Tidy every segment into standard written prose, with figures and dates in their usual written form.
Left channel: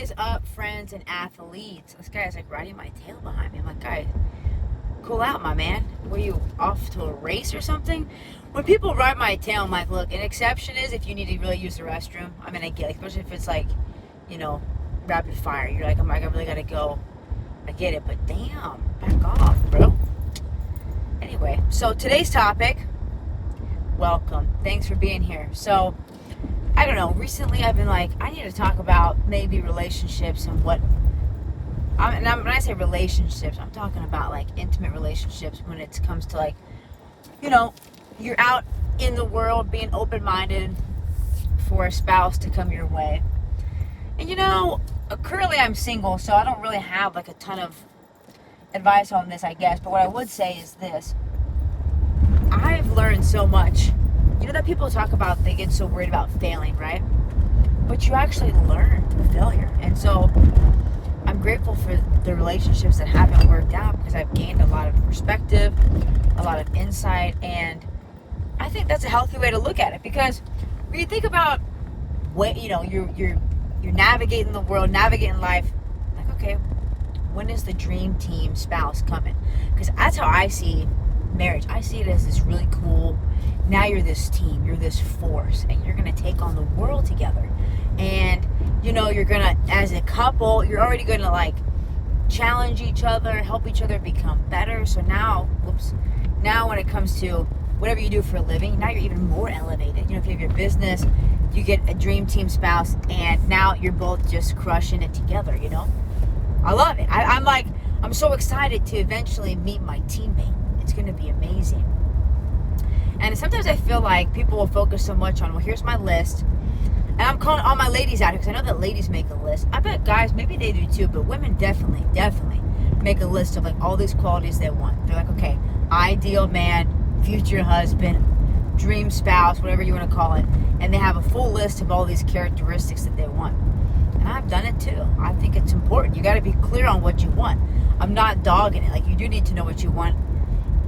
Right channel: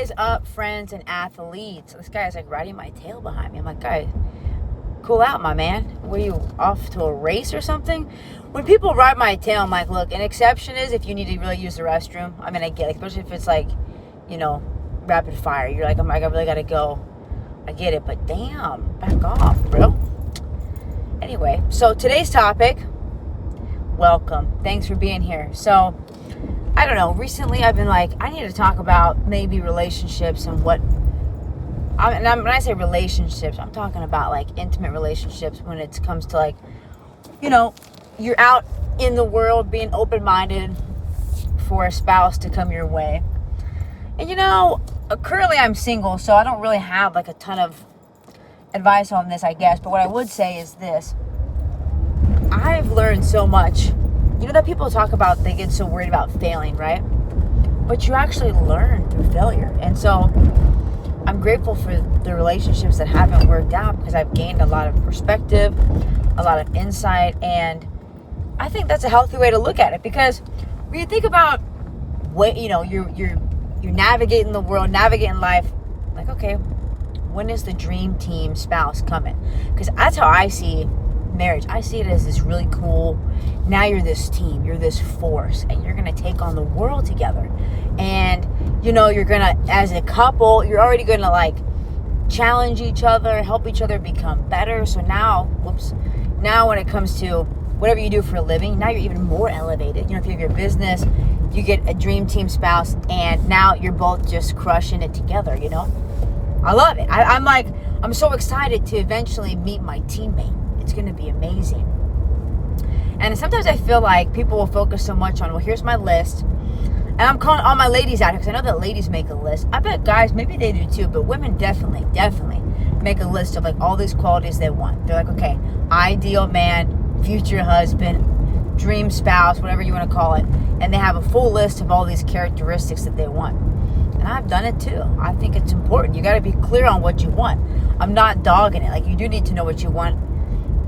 is up, friends and athletes? This guy is like riding my tail behind me. I'm like, guys, cool out, my man. Were you off to a race or something? When people ride my tail, I'm like, look, an exception is if you need to really use the restroom. I mean, I get it, especially if it's like, rapid fire. You're like, I really gotta go. I get it, but damn, back off, bro. Anyway, so today's topic, welcome. Thanks for being here. So, I don't know, recently I've been like, I need to talk about maybe relationships and when I say relationships, I'm talking about like intimate relationships when it comes to like, you're out in the world being open-minded for a spouse to come your way. And currently I'm single, so I don't really have like a ton of advice on this, I guess. But what I would say is this. I've learned so much. That people talk about, they get so worried about failing, right? But you actually learn through failure. And so I'm grateful for the relationships that haven't worked out because I've gained a lot of perspective, a lot of insight, and I think that's a healthy way to look at it. Because when you think about what you're navigating the world, navigating life, like, okay, when is the dream team spouse coming? Because that's how I see marriage. I see it as this really cool, now you're this team, you're this force, and you're gonna take on the world together. And you're gonna, as a couple, you're already gonna like challenge each other, help each other become better. So now when it comes to whatever you do for a living, now you're even more elevated. If you have your business, you get a dream team spouse, and now you're both just crushing it together. I love it. I'm so excited to eventually meet my teammate. It's going to be amazing. And sometimes I feel like people will focus so much on, well, here's my list. And I'm calling all my ladies out because I know that ladies make a list. I bet guys, maybe they do too, but women definitely make a list of like all these qualities they want. They're like, okay, ideal man, future husband, dream spouse, whatever you want to call it. And they have a full list of all these characteristics that they want. And I've done it too. I think it's important. You got to be clear on what you want. I'm not dogging it. Like, you do need to know what you want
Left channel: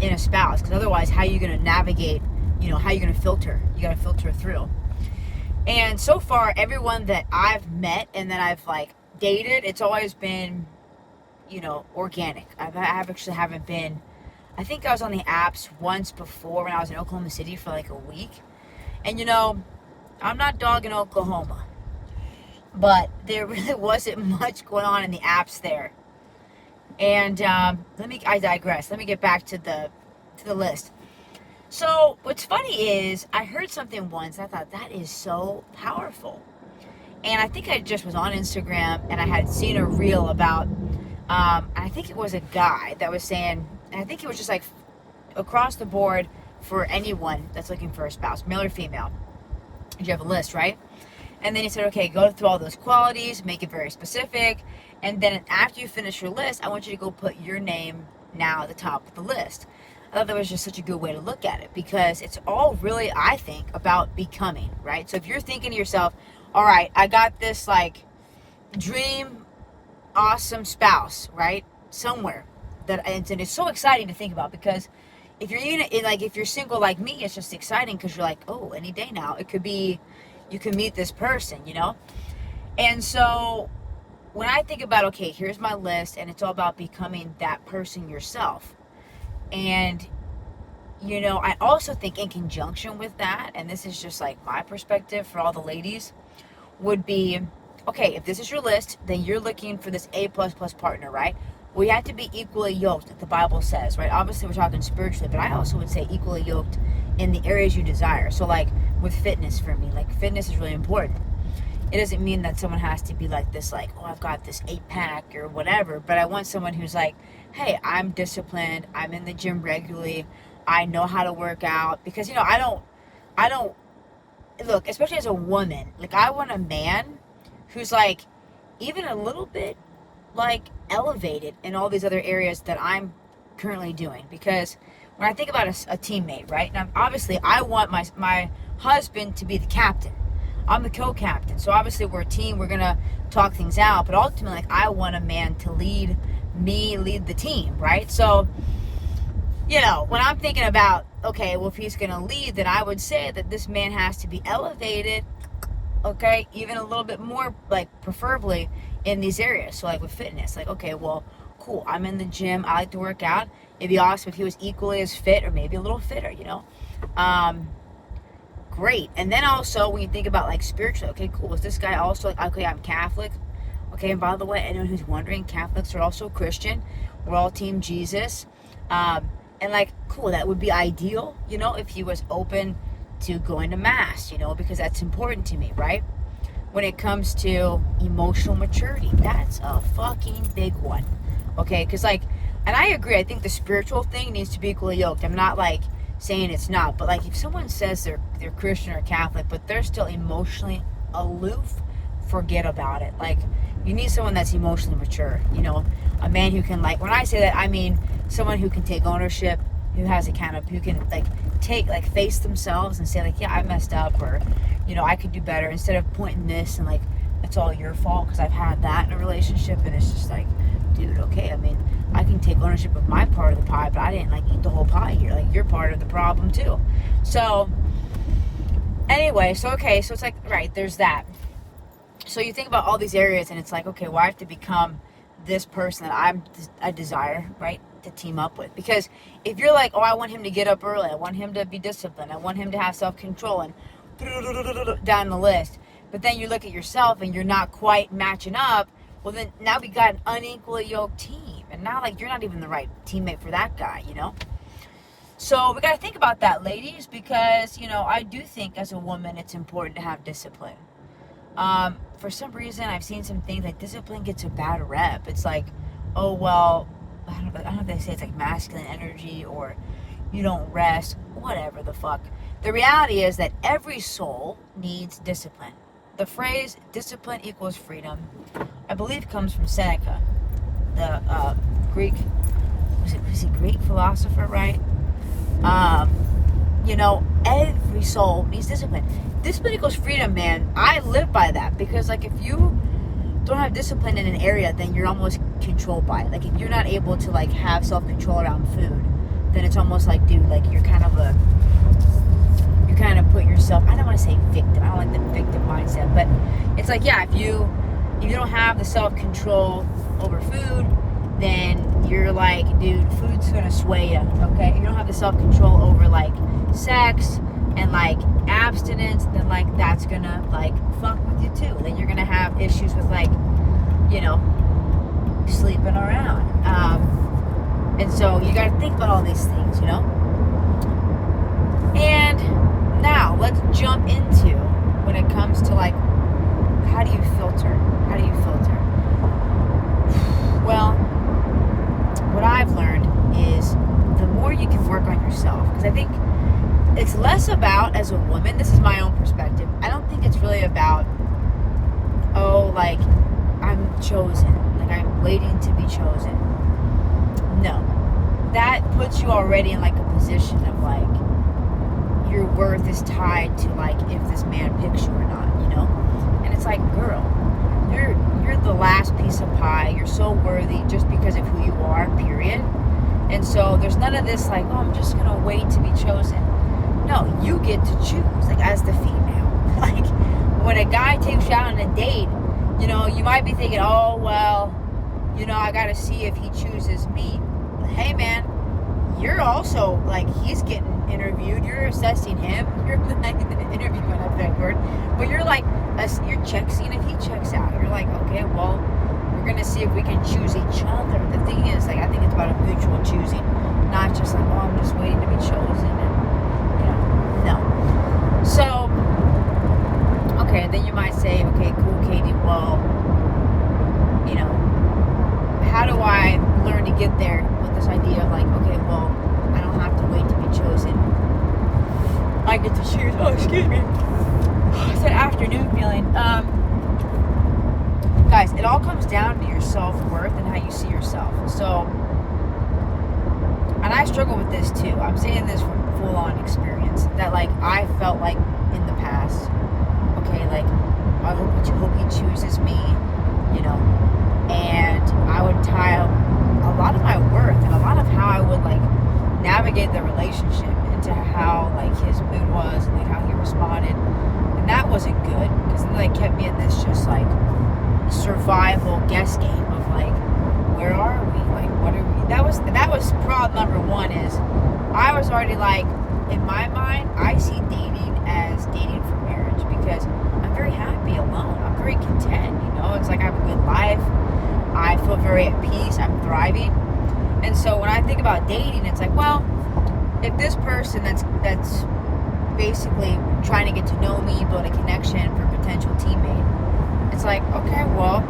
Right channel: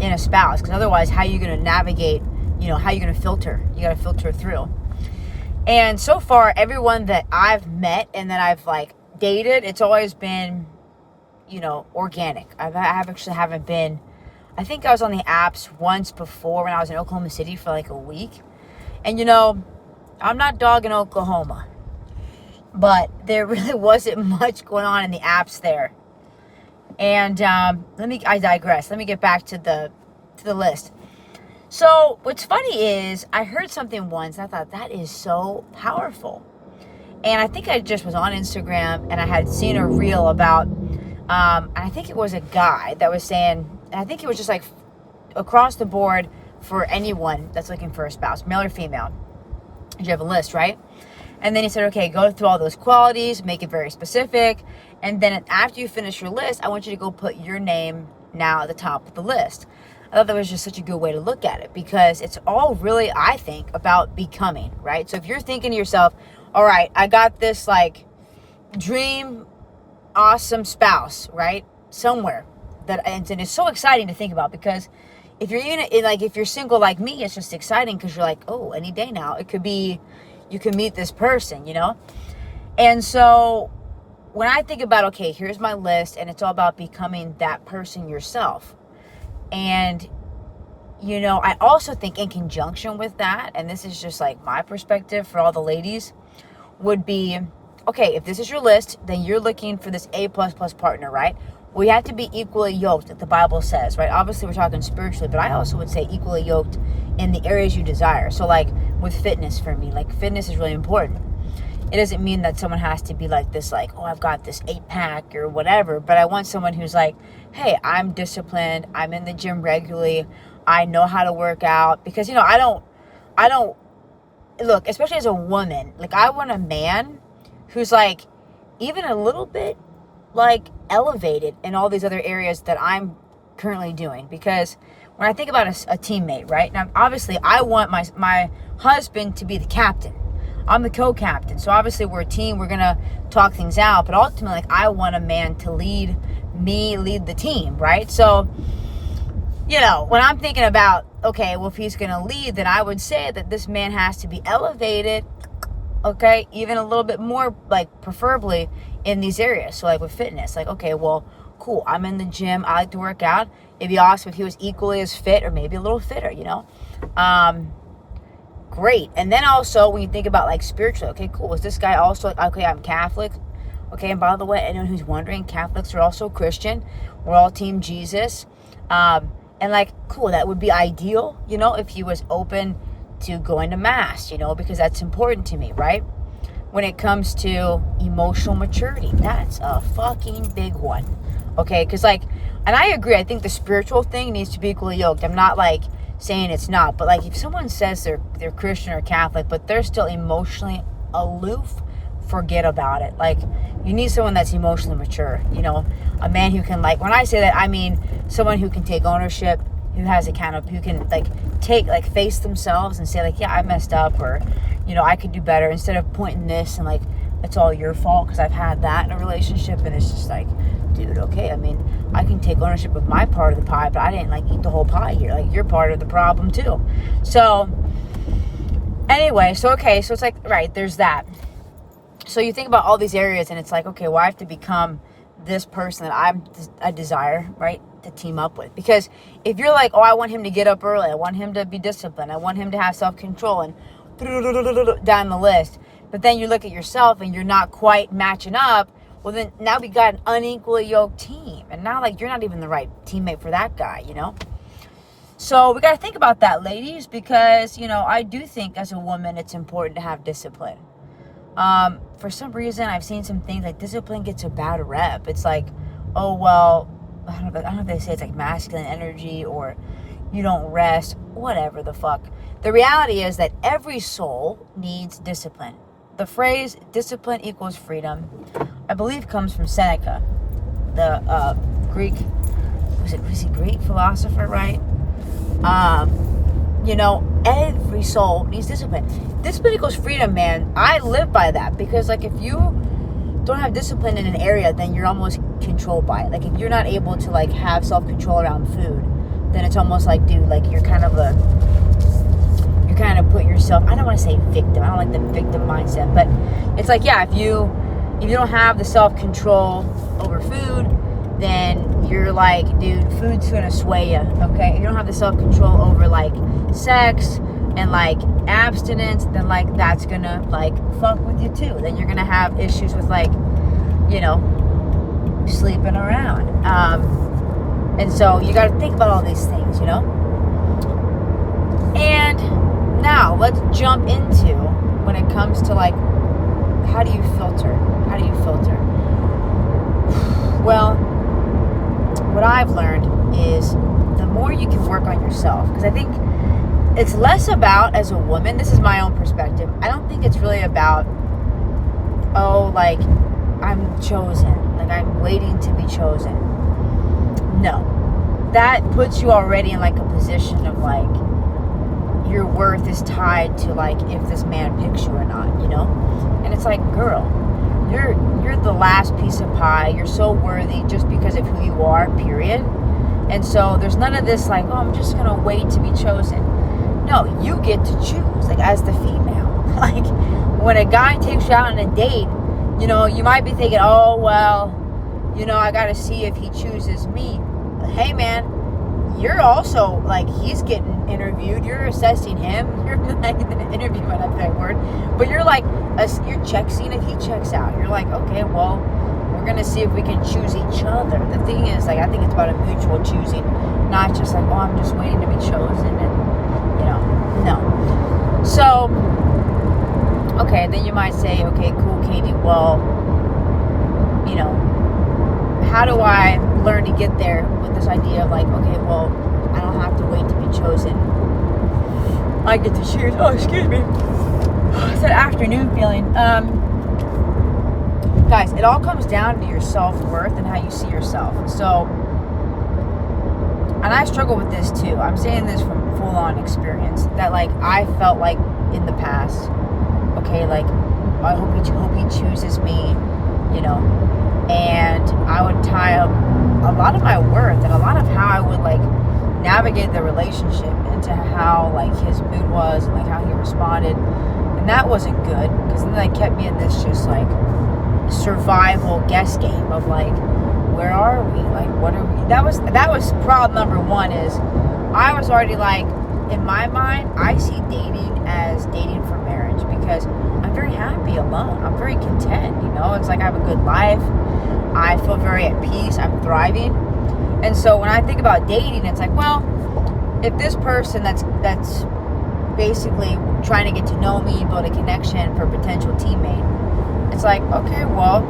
in a spouse, because otherwise how are you going to navigate, how are you going to filter? You got to filter through. And so far, everyone that I've met and that I've like dated, it's always been, organic. I haven't been, I think I was on the apps once before when I was in Oklahoma City for like a week. And I'm not dogging Oklahoma, but there really wasn't much going on in the apps there. And I digress. Let me get back to the list. So what's funny is I heard something once and I thought that is so powerful. And I think I just was on Instagram and I had seen a reel about, and I think it was a guy that was saying, and I think it was just like across the board for anyone that's looking for a spouse, male or female. You have a list, right? And then he said, okay, go through all those qualities, make it very specific. And then after you finish your list, I want you to go put your name now at the top of the list. I thought that was just such a good way to look at it because it's all really, I think, about becoming, right? So if you're thinking to yourself, all right, I got this like dream, awesome spouse, right? Somewhere and it's so exciting to think about because if you're single like me, it's just exciting because you're like, oh, any day now, it could be, you can meet this person, And so when I think about, okay, here's my list and it's all about becoming that person yourself. And, I also think in conjunction with that, and this is just like my perspective for all the ladies, would be, okay, if this is your list, then you're looking for this A++ partner, right? We have to be equally yoked, like the Bible says, right? Obviously, we're talking spiritually, but I also would say equally yoked in the areas you desire. So like with fitness for me, like fitness is really important. It doesn't mean that someone has to be like this, like, oh, I've got this 8-pack or whatever, but I want someone who's like, hey, I'm disciplined, I'm in the gym regularly, I know how to work out, because, I don't, look, especially as a woman, like, I want a man who's, like, even a little bit, like, elevated in all these other areas that I'm currently doing, because when I think about a teammate, right, now, obviously, I want my husband to be the captain. I'm the co-captain, so obviously we're a team, we're gonna talk things out, but ultimately, like, I want a man to lead the team, right? So, when I'm thinking about, okay, well, if he's gonna lead, then I would say that this man has to be elevated okay? Even a little bit more, like, preferably in these areas. So, like, with fitness, like, okay, well, cool, I'm in the gym, I like to work out. It'd be awesome if he was equally as fit or maybe a little fitter, you know? Great. And then also, when you think about, like, spiritually, okay, cool, is this guy also, like, okay, I'm Catholic. Okay, and by the way, anyone who's wondering, Catholics are also Christian. We're all Team Jesus. And, like, cool, that would be ideal, you know, if he was open to going to Mass, you know, because that's important to me, right? When it comes to emotional maturity, that's a fucking big one. Okay, because, like, and I agree, I think the spiritual thing needs to be equally yoked. I'm not, like, saying it's not, but, like, if someone says they're Christian or Catholic, but they're still emotionally aloof, forget about it. Like, you need someone that's emotionally mature, you know, a man who can, like, when I say that, I mean someone who can take ownership, who has who can, like, face themselves and say, like, yeah, I messed up, or, you know, I could do better, instead of pointing this and, like, it's all your fault, because I've had that in a relationship, and it's just like, dude, okay, I mean, I can take ownership of my part of the pie, but I didn't, like, eat the whole pie here. Like, you're part of the problem too. So anyway, so okay, so it's like, right, there's that. So you think about all these areas, and it's like, okay, well, I have to become this person that I desire, right, to team up with. Because if you're like, oh, I want him to get up early, I want him to be disciplined, I want him to have self-control, and down the list, but then you look at yourself and you're not quite matching up, well, then now we got an unequally yoked team, and now, like, you're not even the right teammate for that guy, you know? So we got to think about that, ladies, because, you know, I do think as a woman it's important to have discipline. For some reason, I've seen some things like discipline gets a bad rep. It's like, oh, well, I don't know if they say it's like masculine energy, or you don't rest, whatever the fuck. The reality is that every soul needs discipline. The phrase discipline equals freedom, I believe, comes from Seneca, the Greek, was he Greek philosopher, right? You know, every soul needs discipline. Discipline equals freedom, man. I live by that, because, like, if you don't have discipline in an area, then you're almost controlled by it. Like, if you're not able to, like, have self-control around food, then it's almost like, dude, like, you kind of put yourself, I don't want to say victim, I don't like the victim mindset, but it's like, yeah, if you don't have the self-control over food, then you're like, dude, food's gonna sway you, okay? If you don't have the self-control over, like, sex and, like, abstinence, then, like, that's gonna, like, fuck with you too. Then you're gonna have issues with, like, you know, sleeping around. And so you gotta think about all these things, you know? And now let's jump into when it comes to, like, how do you filter? How do you filter? Well, what I've learned is the more you can work on yourself, because I think it's less about, as a woman, this is my own perspective, I don't think it's really about, oh, like, I'm chosen, like, I'm waiting to be chosen. No. That puts you already in, like, a position of, like, your worth is tied to, like, if this man picks you or not, you know? And it's like, girl, you're the last piece of pie. You're so worthy just because of who you are, period. And so there's none of this, like, oh, I'm just gonna wait to be chosen. No, you get to choose, like, as the female. Like, when a guy takes you out on a date, you know, you might be thinking, oh, well, you know, I gotta see if he chooses me. But hey, man, you're also, like, he's getting interviewed, you're assessing him, you're like, interview might not be that word, but you're like, you're seeing if he checks out. You're like, okay, well, we're gonna see if we can choose each other. The thing is, like, I think it's about a mutual choosing, not just like, oh, I'm just waiting to be chosen, and, you know, no. So, okay, then you might say, okay, cool, Katie, well, you know, how do I learn to get there with this idea of, like, okay, well, I don't have to wait to be chosen. I get to choose. Oh, excuse me. It's that afternoon feeling. Guys, it all comes down to your self-worth and how you see yourself. So, and I struggle with this too. I'm saying this from full-on experience. That, like, I felt like in the past, okay, like, I hope he chooses me, you know, and I would tie up a lot of my worth and a lot of how I would, like, navigate the relationship into how, like, his mood was and, like, how he responded. And And that wasn't good, because then they kept me in this just like survival guess game of like, where are we? Like, what are we? That was problem number one. Is I was already like, in my mind, I see dating as dating for marriage, because I'm very happy alone. I'm very content, you know. It's like I have a good life. I feel very at peace. I'm thriving. And so when I think about dating, it's like, well, if this person that's basically trying to get to know me, build a connection for a potential teammate, it's like, okay, well,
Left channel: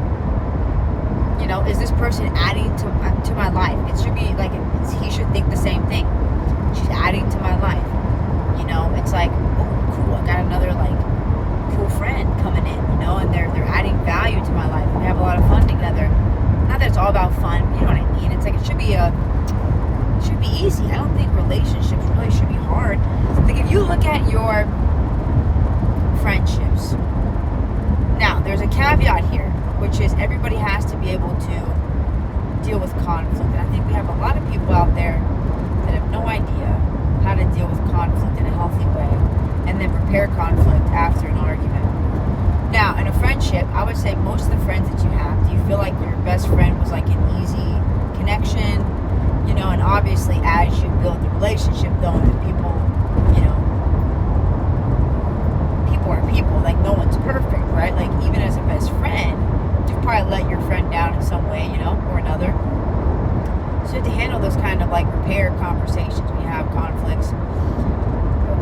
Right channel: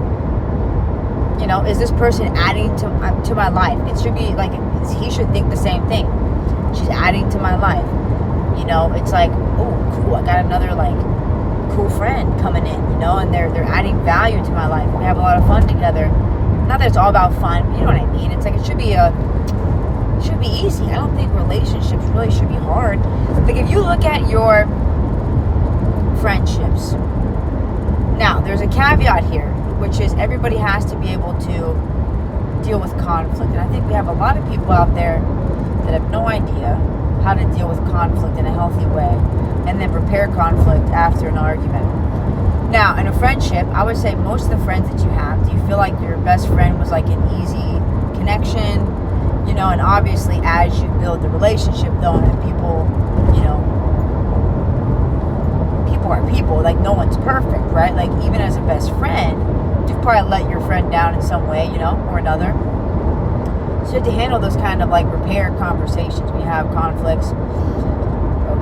you know, is this person adding to my life? It should be like, he should think the same thing. She's adding to my life. You know, it's like, ooh, cool, I got another like cool friend coming in, you know, and they're adding value to my life, and we have a lot of fun together. Not that it's all about fun, you know what I mean? It's like it should be easy. I don't think relationships really should be hard. Like if you look at your friendships, now there's a caveat here, which is everybody has to be able to deal with conflict. And I think we have a lot of people out there that have no idea how to deal with conflict in a healthy way, and then repair conflict after an argument. Now, in a friendship, I would say most of the friends that you have, do you feel like your best friend was like an easy connection? You know, and obviously as you build the relationship though, and people, you know, people are people, like no one's perfect, right? Like even as a best friend, you probably let your friend down in some way, you know, or another. So you have to handle those kind of like repair conversations when you have conflicts.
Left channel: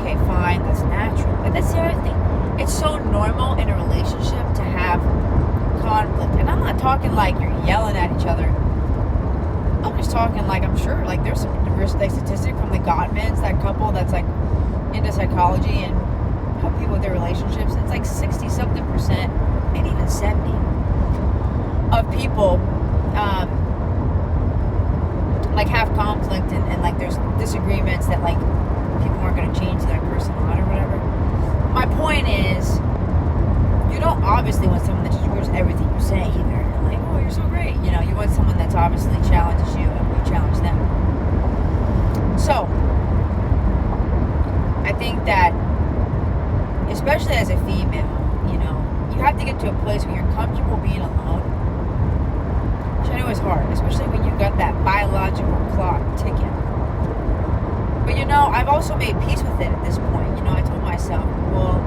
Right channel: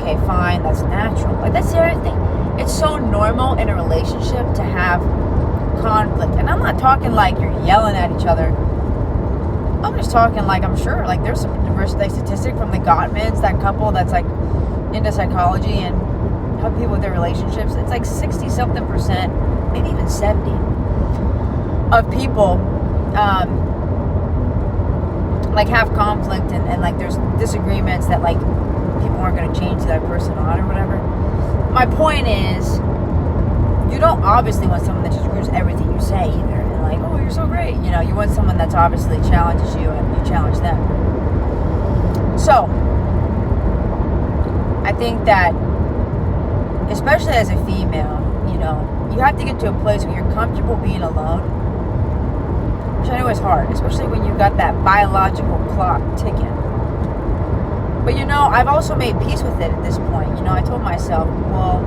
Okay, fine, that's natural. Like that's the other thing. It's so normal in a relationship to have conflict. And I'm not talking like you're yelling at each other. I'm just talking like, I'm sure, like there's some diversity statistic from the Gottmans, that couple that's like into psychology and help people with their relationships. It's like 60-something%, maybe even 70 of people like have conflict and like there's disagreements that like people aren't going to change that person on or whatever. My point is, you don't obviously want someone that just agrees with everything you say either. And like, oh, you're so great. You know, you want someone that's obviously challenges you and you challenge them. So, I think that, especially as a female, you know, you have to get to a place where you're comfortable being alone. Which I know is hard, especially when you've got that biological clock ticking. But you know, I've also made peace with it at this point. You know, I told myself, well,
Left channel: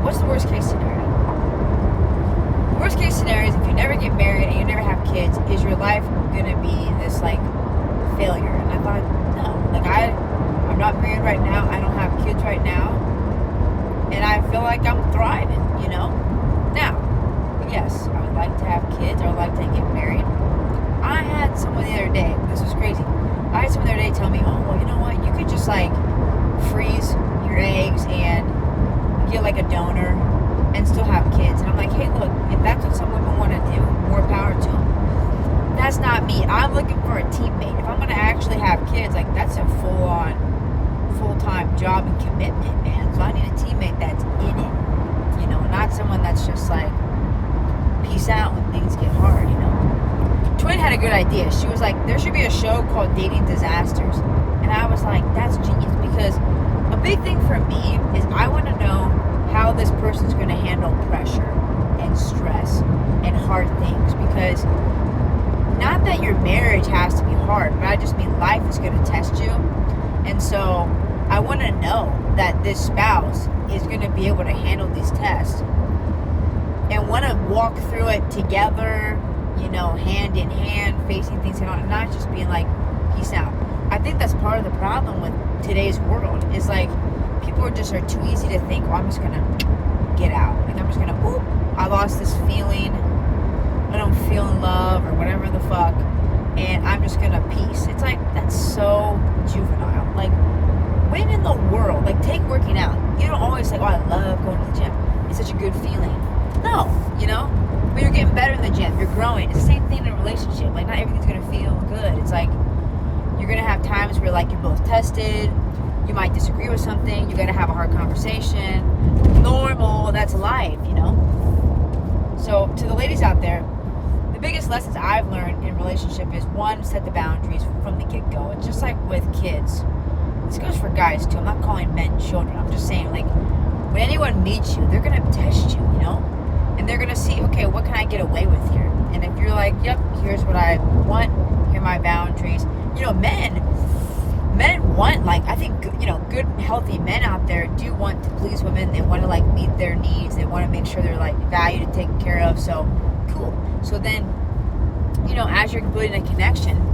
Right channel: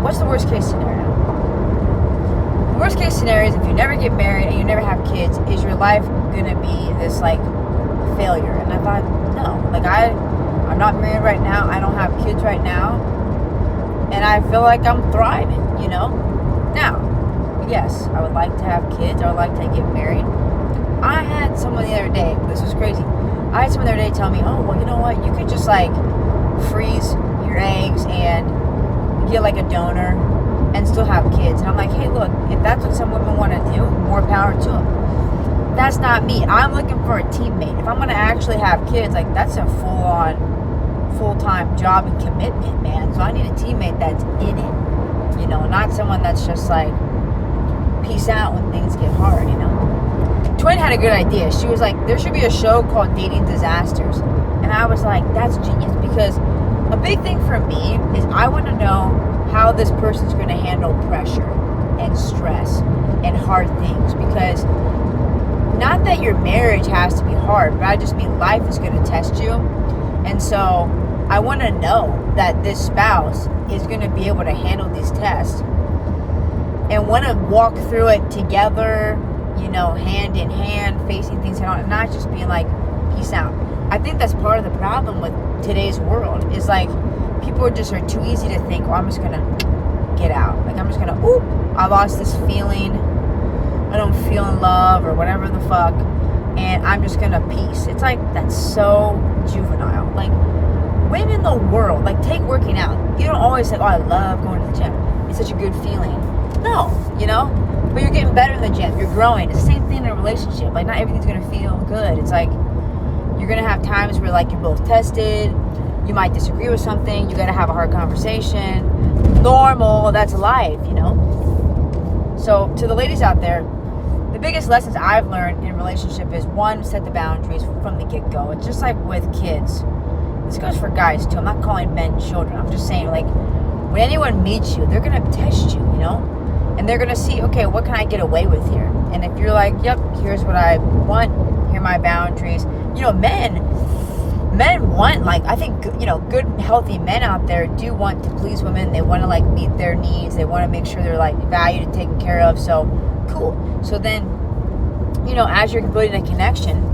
what's the worst case scenario? The worst case scenario is if you never get married and you never have kids, is your life gonna be this like failure? And I thought, no, like I'm not married right now, I don't have kids right now, and I feel like I'm thriving, you know? Now, yes, I would like to have kids, I would like to get married. I had someone the other day, this was crazy. I had someone the other day tell me, oh, well, you know what? You could just like freeze your eggs and get like a donor and still have kids. And I'm like, hey, look, if that's what some women want to do, more power to them. That's not me. I'm looking for a teammate. If I'm going to actually have kids, like that's a full-time job and commitment, man. So I need a teammate that's in it, you know, not someone that's just like, peace out when things get hard, you know. Twin had a good idea. She was like, there should be a show called Dating Disasters. And I was like, that's genius, because a big thing for me is I want to know how this person's going to handle pressure and stress and hard things, because not that your marriage has to be hard, but I just mean life is going to test you. And so I want to know that this spouse is going to be able to handle these tests and want to walk through it together, you know, hand in hand, facing things out, and not just being like, peace out. I think that's part of the problem with today's world, is like, people are too easy to think, oh, I'm just gonna get out. Like, I'm just gonna, oop, I lost this feeling, I don't feel in love, or whatever the fuck, and I'm just gonna peace. It's like, that's so juvenile. Like, when in the world, like, take working out. You don't always say, oh, I love going to the gym, it's such a good feeling. No, you know? But you're getting better in the gym. You're growing. It's the same thing in a relationship. Like, not everything's going to feel good. It's like, you're going to have times where, like, you're both tested. You might disagree with something. You're going to have a hard conversation. Normal. That's life, you know? So, to the ladies out there, the biggest lessons I've learned in a relationship is, one, set the boundaries from the get-go. It's just like with kids. This goes for guys, too. I'm not calling men children. I'm just saying, like, when anyone meets you, they're going to test you, you know? And they're going to see, okay, what can I get away with here? And if you're like, yep, here's what I want, here are my boundaries. You know, men want, like, I think, you know, good, healthy men out there do want to please women. They want to, like, meet their needs. They want to make sure they're, like, valued and taken care of. So, cool. So then, you know, as you're building a connection,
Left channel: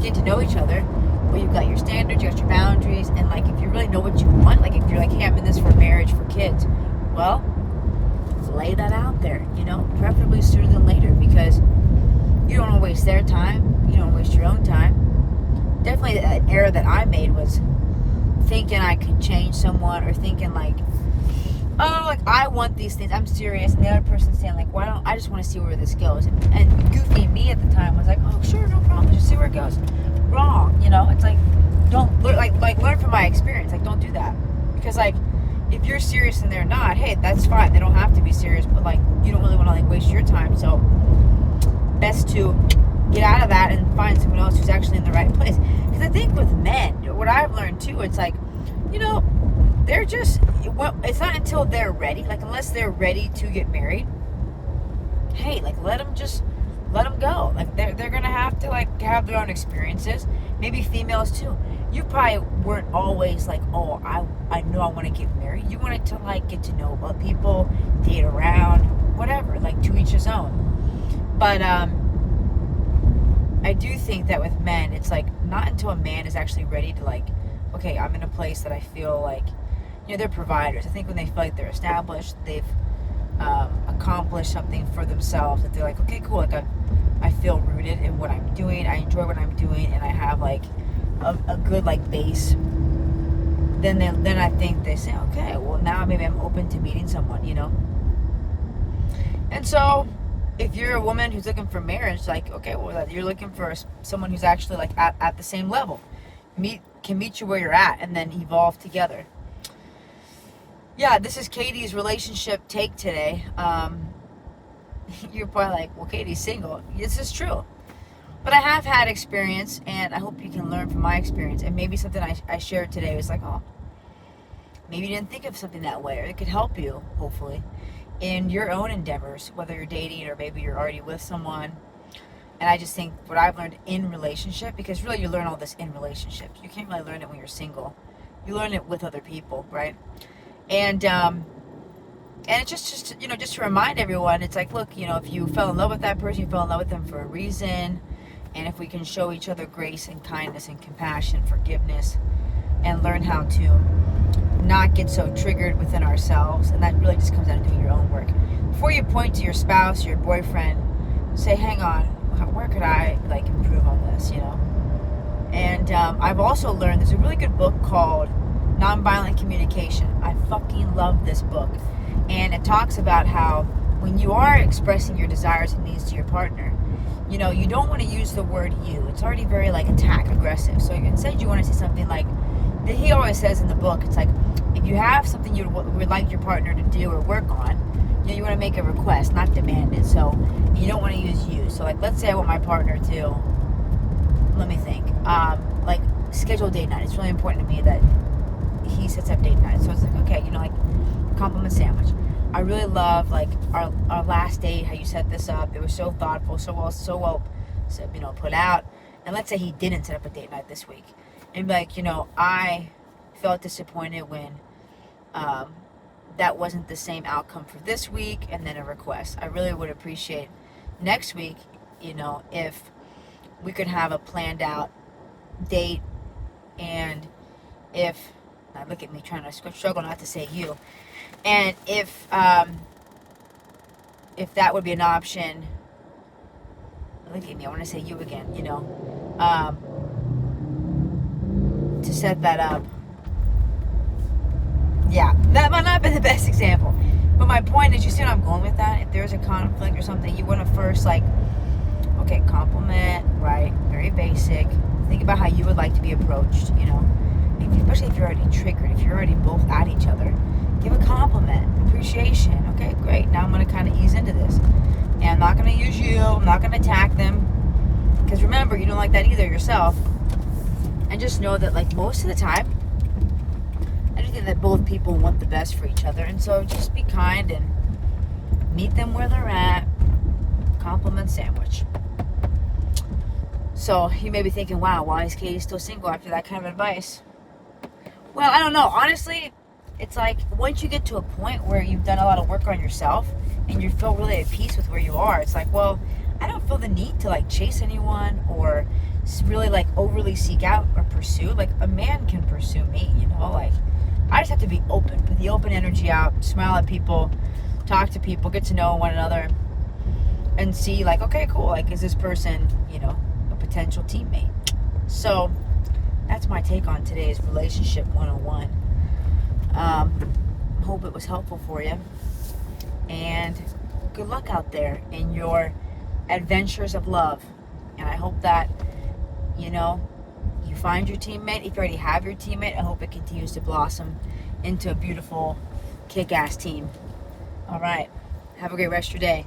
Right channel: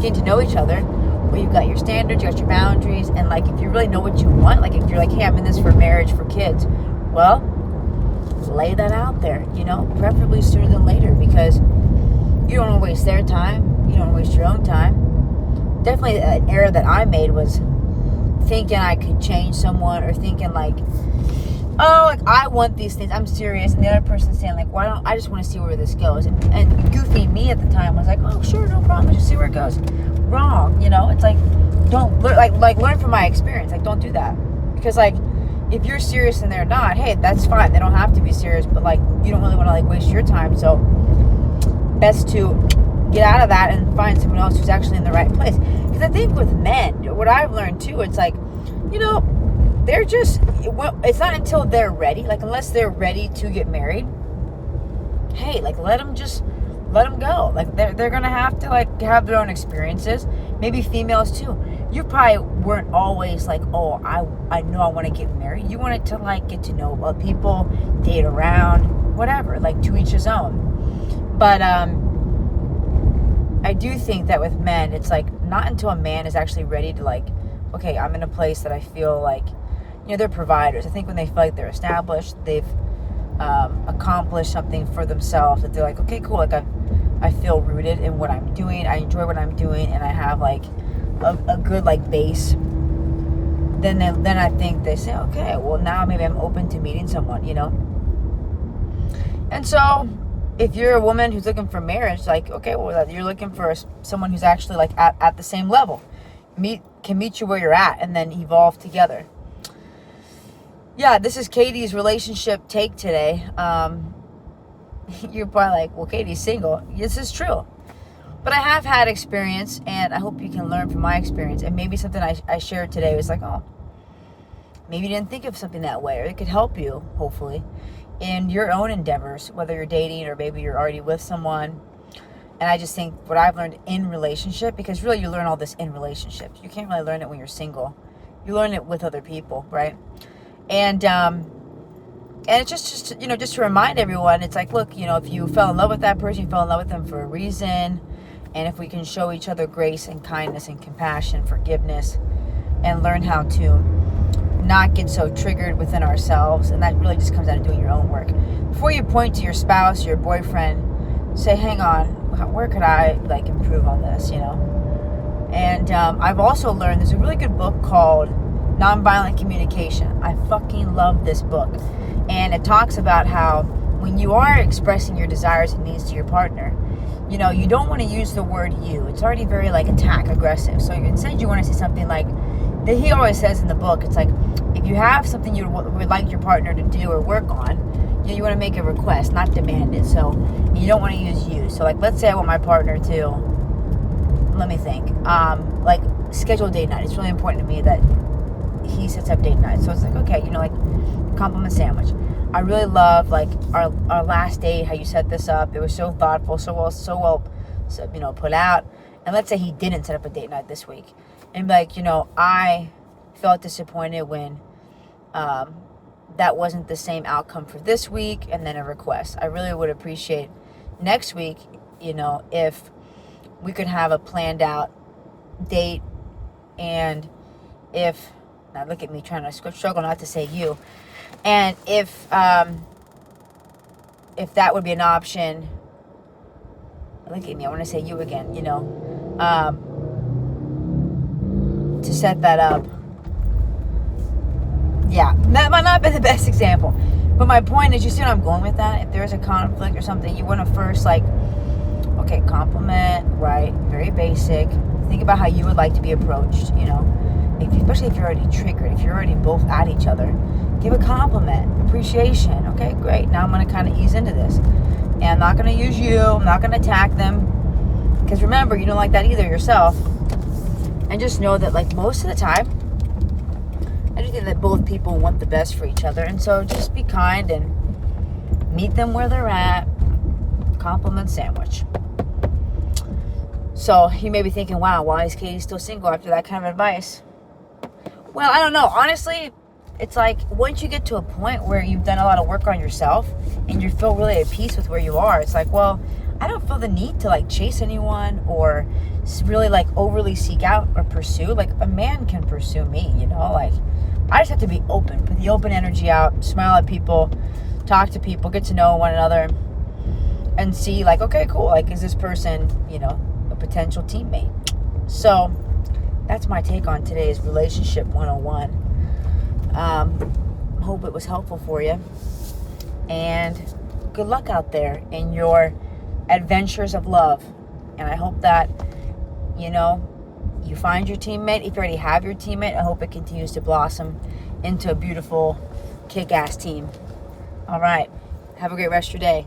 getting to know each other, well, you've got your standards, you got your boundaries, and, like, if you really know what you want, like, if you're like, hey, I'm in this for marriage, for kids, well, lay that out there, you know, preferably sooner than later, because you don't want to waste their time, you don't want to waste your own time. Definitely an error that I made was thinking I could change someone, or thinking like, oh, like, I want these things, I'm serious, and the other person's saying like, why don't I just want to see where this goes, and goofy me at the time was like, oh, sure, no problem, just see where it goes. Wrong, you know. It's like, don't learn from my experience. Like, don't do that, because like, if you're serious and they're not, hey, that's fine, they don't have to be serious, but like, you don't really want to like waste your time, so best to get out of that and find someone else who's actually in the right place. Because I think with men, what I've learned too, it's like, you know, they're just, it's not until they're ready, like, unless they're ready to get married, hey, like, let them go. Like, they're gonna have to like have their own experiences. Maybe females too. You probably weren't always like, oh, I know I want to get married. You wanted to like get to know about people, date around, whatever, like, to each his own. But I do think that with men, it's like, not until a man is actually ready to like, okay, I'm in a place that I feel like, you know, they're providers. I think when they feel like they're established, they've accomplished something for themselves, that they're like, okay, cool, like, I feel rooted in what I'm doing, I enjoy what I'm doing, and I have like a good like base, then I think they say, okay, well, now maybe I'm open to meeting someone, you know. And so if you're a woman who's looking for marriage, like, okay, well, you're looking for someone who's actually like at the same level, can meet you where you're at, and then evolve together. Yeah, this is Katie's relationship take today. You're probably like, well, Katie's single. This is true. But I have had experience, and I hope you can learn from my experience. And maybe something I shared today was like, oh, maybe you didn't think of something that way, or it could help you, hopefully, in your own endeavors, whether you're dating or maybe you're already with someone. And I just think what I've learned in relationship, because really you learn all this in relationships. You can't really learn it when you're single. You learn it with other people, right? And it's just you know, just to remind everyone, it's like, look, you know, if you fell in love with that person, you fell in love with them for a reason. And if we can show each other grace and kindness and compassion, forgiveness, and learn how to not get so triggered within ourselves, and that really just comes down to doing your own work. Before you point to your spouse, your boyfriend, say, hang on, where could I like improve on this, you know? And I've also learned there's a really good book called Nonviolent Communication. I fucking love this book. And it talks about how when you are expressing your desires and needs to your partner, you know, you don't want to use the word you. It's already very like attack aggressive. So instead you want to say something like that he always says in the book. It's like, if you have something you would like your partner to do or work on, you want to make a request, not demand it. So you don't want to use you. So like, let's say I want my partner to, let me think, like, schedule date night. It's really important to me that he sets up date night. So it's like, okay, you know, like, compliment sandwich. I really love like our last date, how you set this up. It was so thoughtful, so well, you know, put out. And let's say he didn't set up a date night this week, and be like, you know, I felt disappointed when that wasn't the same outcome for this week, and then a request. I really would appreciate next week, you know, if we could have a planned out date, and if, now look at me trying to struggle not to say you. And if that would be an option, look at me, I want to say you again, you know, to set that up. Yeah, that might not have been the best example, but my point is, you see where I'm going with that? If there's a conflict or something, you want to first, like, okay, compliment, right, very basic. Think about how you would like to be approached, you know, especially if you're already triggered, if you're already both at each other. Give a compliment, appreciation. Okay, great. Now I'm going to kind of ease into this. And I'm not going to use you. I'm not going to attack them. Because remember, you don't like that either yourself. And just know that, like, most of the time, I do think that both people want the best for each other. And so just be kind and meet them where they're at. Compliment sandwich. So you may be thinking, wow, why is Katie still single after that kind of advice? Well, I don't know. Honestly, it's like once you get to a point where you've done a lot of work on yourself and you feel really at peace with where you are, it's like, well, I don't feel the need to like chase anyone or really like overly seek out or pursue. Like a man can pursue me, you know, like I just have to be open, put the open energy out, smile at people, talk to people, get to know one another, and see like, okay, cool, like is this person, you know, a potential teammate? So that's my take on today's relationship 101. Hope it was helpful for you, and good luck out there in your adventures of love. And I hope that, you know, you find your teammate. If you already have your teammate, I hope it continues to blossom into a beautiful kick-ass team. All right, have a great rest of your day.